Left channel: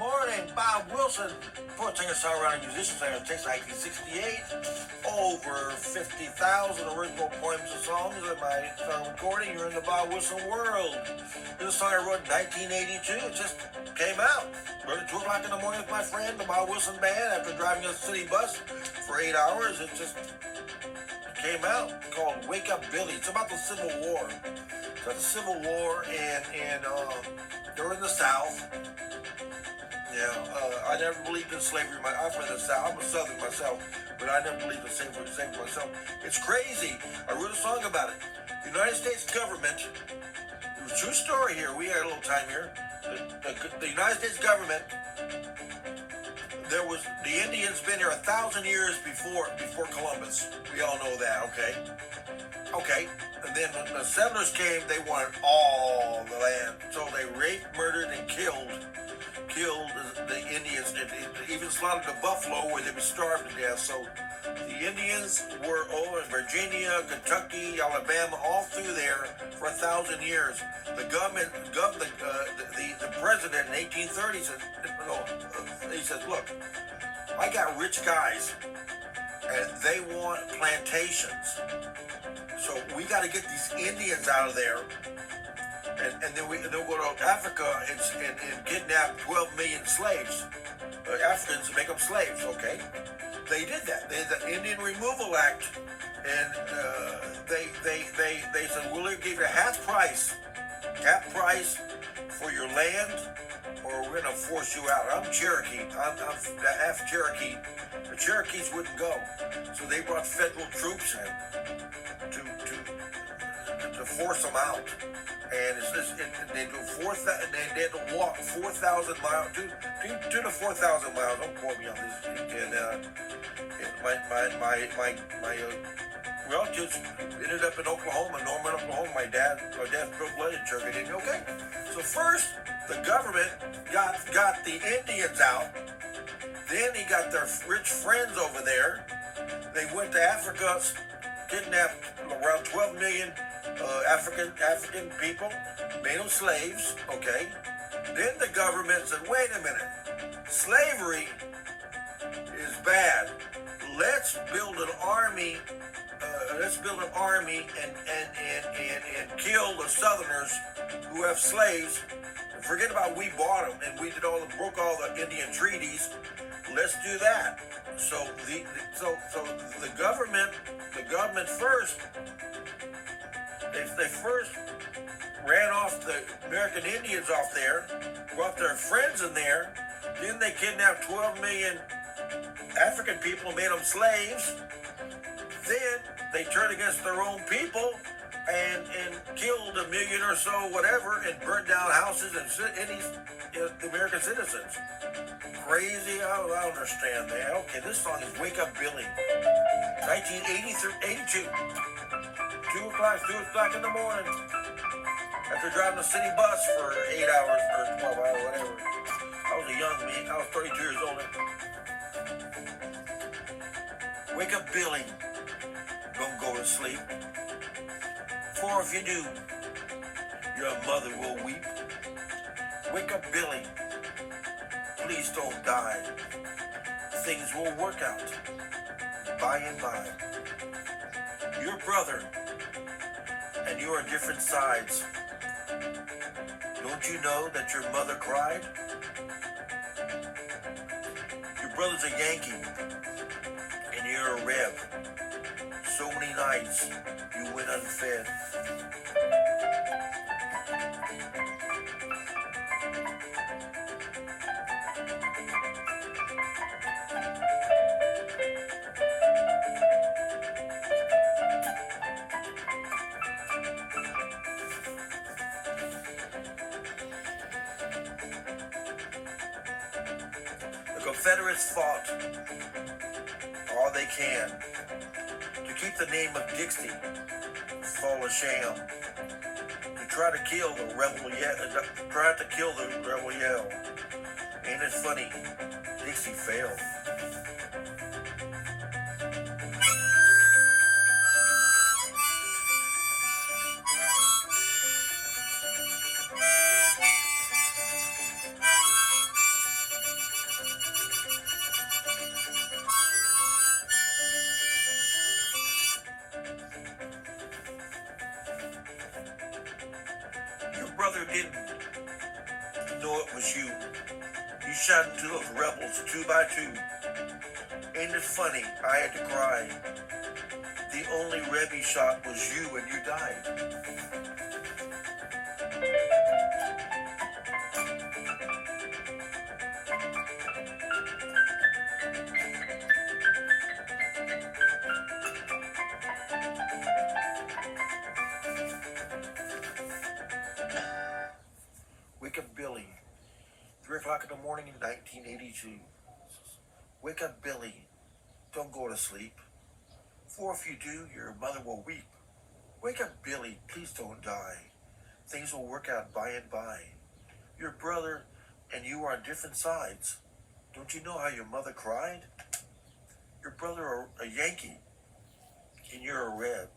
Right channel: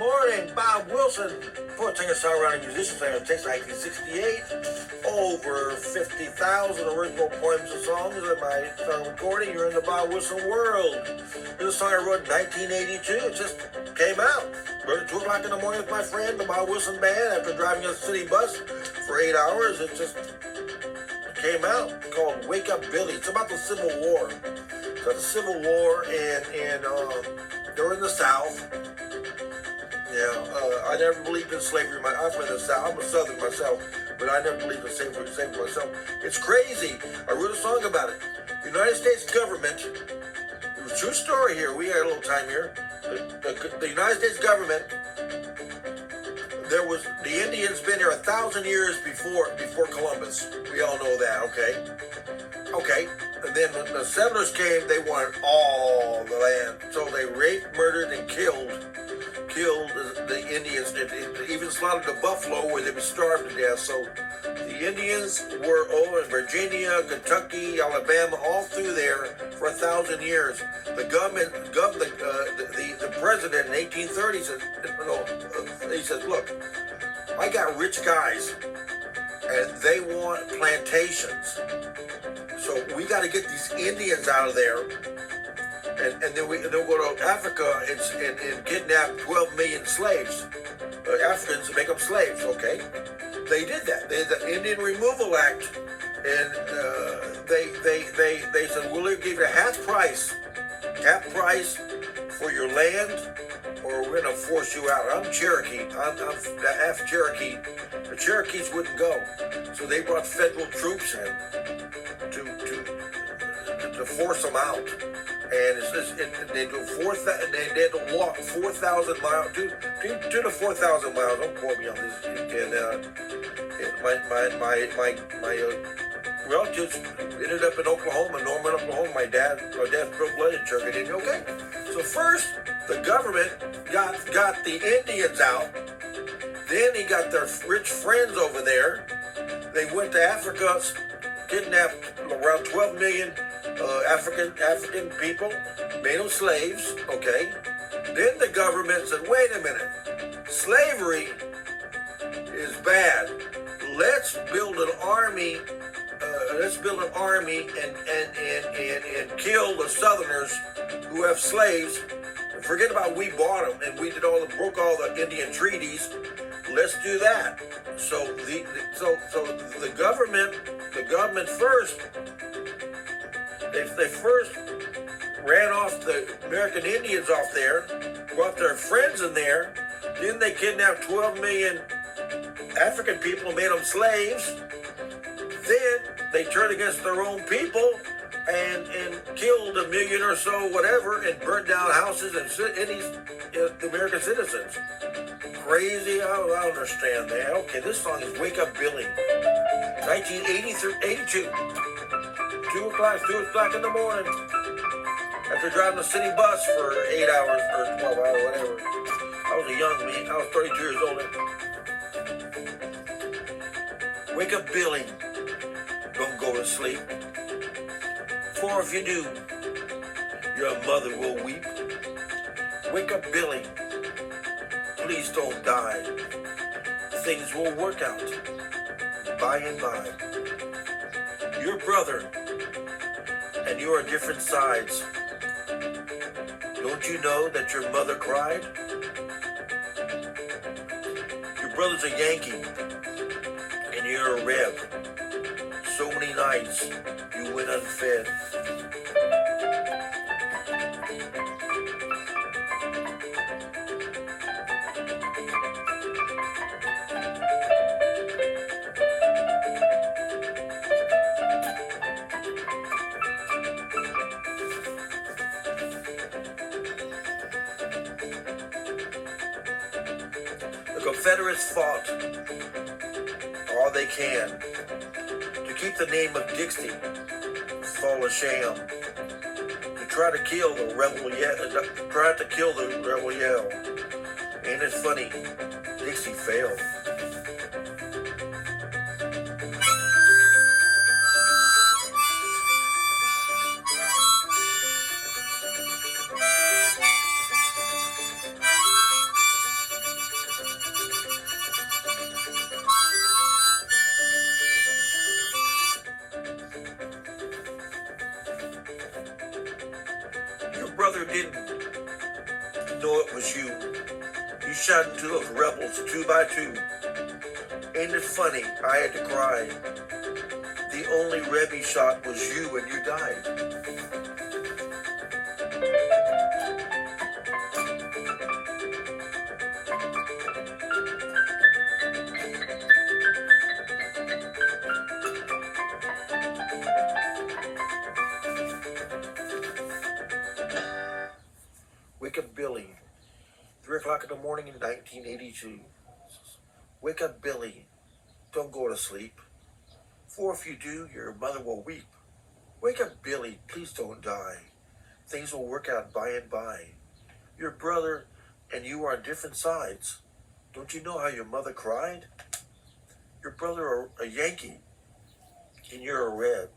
Morning, Bob Wilson. Fourth singer, songwriter, musician, singer of Texas, 1968. Over 50,000 original poems and songs in my song recording. You're in the Bob Wilson world. This song I wrote in 1982. It just came out. Wrote it at 2 o'clock in the morning with my friend, the Bob Wilson Band, after driving a city bus for 8 hours. It just came out. It's called Wake Up Billy. It's about the Civil War. It's about the Civil War, and they're in the South. I never believed in slavery. I'm from the South. I'm a Southern myself, but I never believed in slavery myself. It's crazy. I wrote a song about it. The United States government, it's a true story here. We got a little time here. The United States government, the Indians been here 1,000 years before Columbus. We all know that, okay. And then when the settlers came, they wanted all the land. So they raped, murdered, and killed the Indians, and even slaughtered the buffalo where they were starved to death. So the Indians were all in Virginia, Kentucky, Alabama, all through there for 1,000 years. The president in 1830 said, he says, look, I got rich guys, and they want plantations. So we got to get these Indians out of there. And then they'll go to Africa and kidnap 12 million slaves, Africans, to make them slaves, okay? They did that. They had the Indian Removal Act, and they said, we'll give you half price for your land, or we're going to force you out. I'm Cherokee. I'm half Cherokee. The Cherokees wouldn't go. So they brought federal troops in to force them out. And they had to walk 4,000 miles, 2 to 4,000 miles. Don't quote me on this. And my relatives ended up in Oklahoma, Norman, Oklahoma. My dad's blood in Cherokee. Okay. So first, the government got the Indians out. Then he got their rich friends over there. They went to Africa, kidnapped around 12 million African people, made them slaves, okay? Then the government said, wait a minute, slavery is bad. Let's build an army and kill the Southerners who have slaves. And forget about we bought them and we broke all the Indian treaties. Let's do that. So the government first, they first ran off the American Indians off there, brought their friends in there. Then they kidnapped 12 million African people and made them slaves. Then they turned against their own people and killed 1 million or so, whatever, and burned down houses and cities, the American citizens. Crazy? I don't understand that. Okay, this song is Wake Up Billy, 1980 through 82. 2 o'clock in the morning. After driving a city bus for 8 hours or 12 hours, whatever. I was a young man. I was 32 years old. Wake up, Billy. Don't go to sleep. For if you do, your mother will weep. Wake up, Billy. Please don't die. Things will work out by and by. Your brother and you are different sides. Don't you know that your mother cried? Your brother's a Yankee and you're a Reb. So many nights you went unfed. The Confederates fought all they can to keep the name of Dixie fall a sham, to try to kill the rebel yell. Ain't it funny? Dixie failed. brother didn't know it was you. You shot into those rebels 2 by 2. Ain't it funny? I had to cry. The only Reb he shot was you, and you died. Wake up, Billy. 3 o'clock in the morning in 1982. Wake up, Billy. Don't go to sleep. For if you do, your mother will weep. Wake up, Billy. Please don't die. Things will work out by and by. Your brother and you are on different sides. Don't you know how your mother cried? Your brother a Yankee, and you're a Red.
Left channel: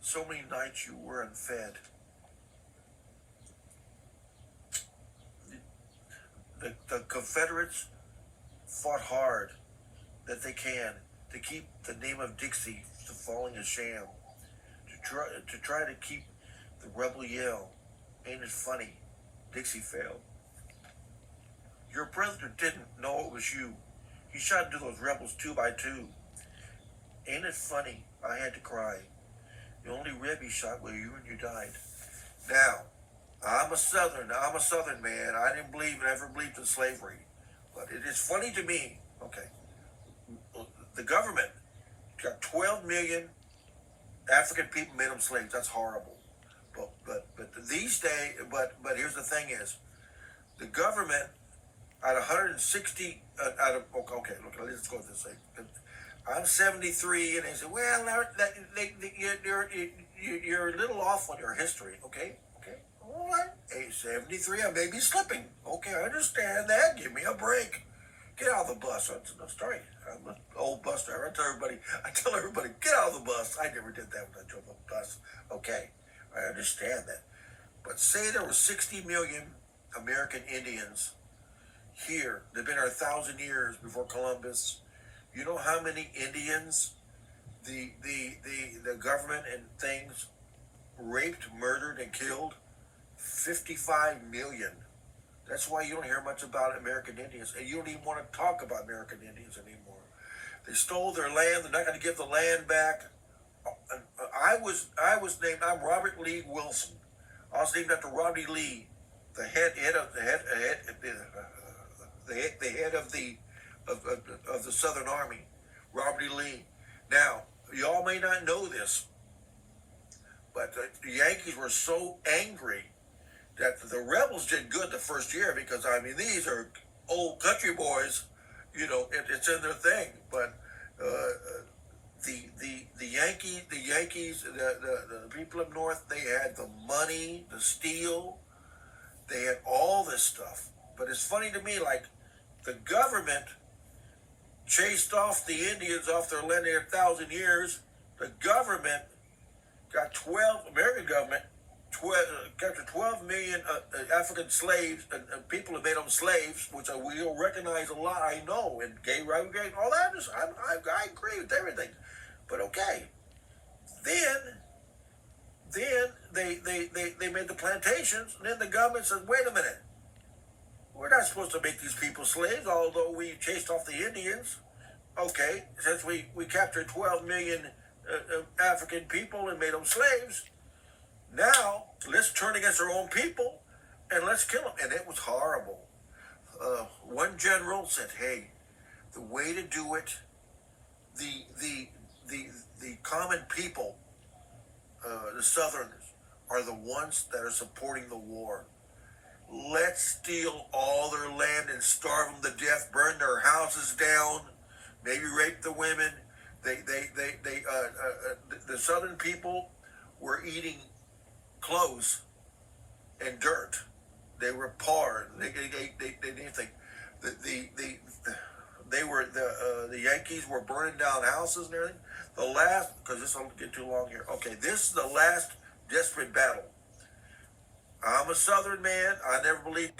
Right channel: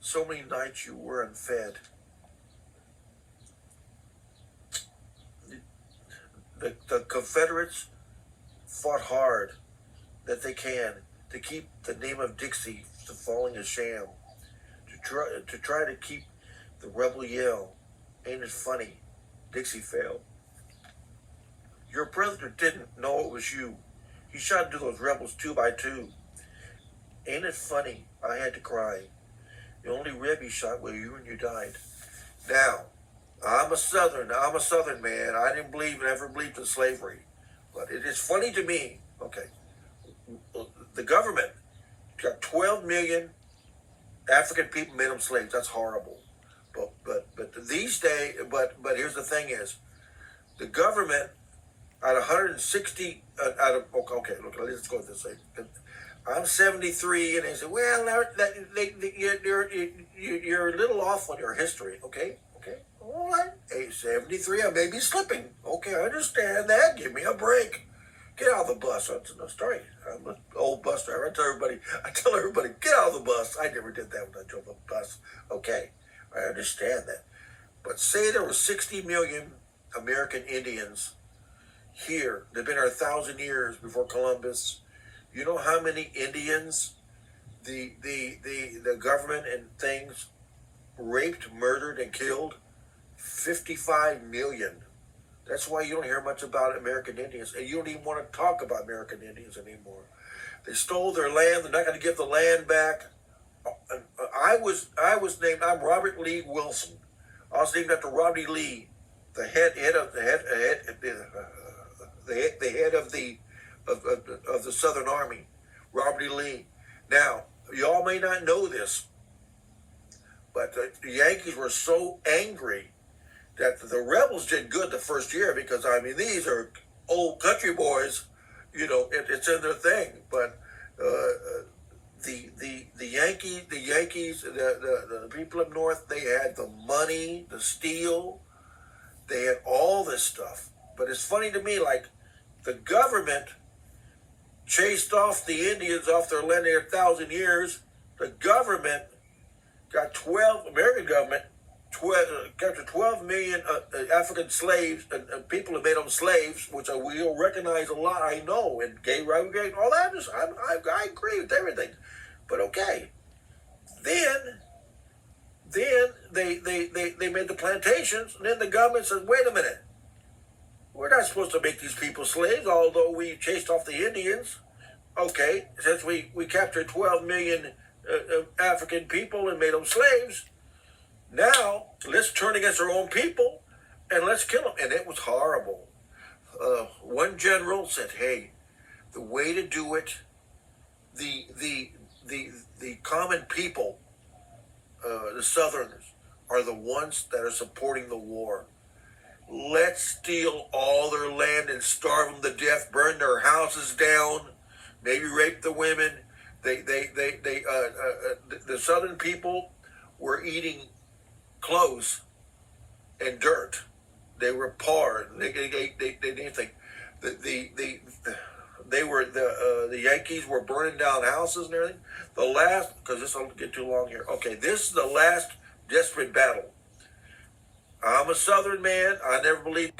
So many nights you were unfed. The Confederates fought hard that they can to keep the name of Dixie from falling a sham, to try to keep the rebel yell. Ain't it funny? Dixie failed. Your brother didn't know it was you. He shot into those rebels 2 by 2. Ain't it funny? I had to cry. The only Reb he shot was you, and you died. Now, I'm a Southern man. I didn't never believed in slavery. But it is funny to me, okay, the government got 12 million African people, made them slaves. That's horrible. But these days, but here's the thing is, the government, out of 160, out of, okay, look, let's go this way. I'm 73, and they say, well, you're a little off on your history, okay? All right, 73, I may be slipping. Okay, I understand that. Give me a break. Get out of the bus. That's no story. I'm an old bus driver. I tell everybody, get out of the bus. I never did that when I drove a bus. Okay, I understand that. But say there were 60 million American Indians here. They've been here 1,000 years before Columbus. You know how many Indians the government and things raped, murdered, and killed? 55 million. That's why you don't hear much about American Indians, and you don't even want to talk about American Indians anymore. They stole their land. They're not going to give the land back. I'm Robert Lee Wilson. I was named after Rodney Lee, the head of the Southern Army, Robert E. Lee. Now, y'all may not know this, but the Yankees were so angry that the rebels did good the first year because, I mean, these are old country boys, it's in their thing. But the Yankees, the people up north, they had the money, the steel, they had all this stuff. But it's funny to me, like, the government chased off the Indians off their land there 1,000 years. The government got American government, captured 12 million African slaves and people who made them slaves, which we all recognize a lot. I know, and gay rights, all that. I agree with everything, but okay. Then they made the plantations, and then the government said, "Wait a minute, we're not supposed to make these people slaves, although we chased off the Indians. Okay, since we captured 12 million African people and made them slaves, now let's turn against our own people and let's kill them." And it was horrible. One general said, "Hey, the way to do it, the common people, the Southerners, are the ones that are supporting the war. Let's steal all their land and starve them to death, burn their houses down, maybe rape the women." The Southern people were eating clothes and dirt. They were poor. They didn't think. The Yankees were burning down houses and everything. The last, because this will get too long here. Okay, this is the last desperate battle. I'm a Southern man. I never believed.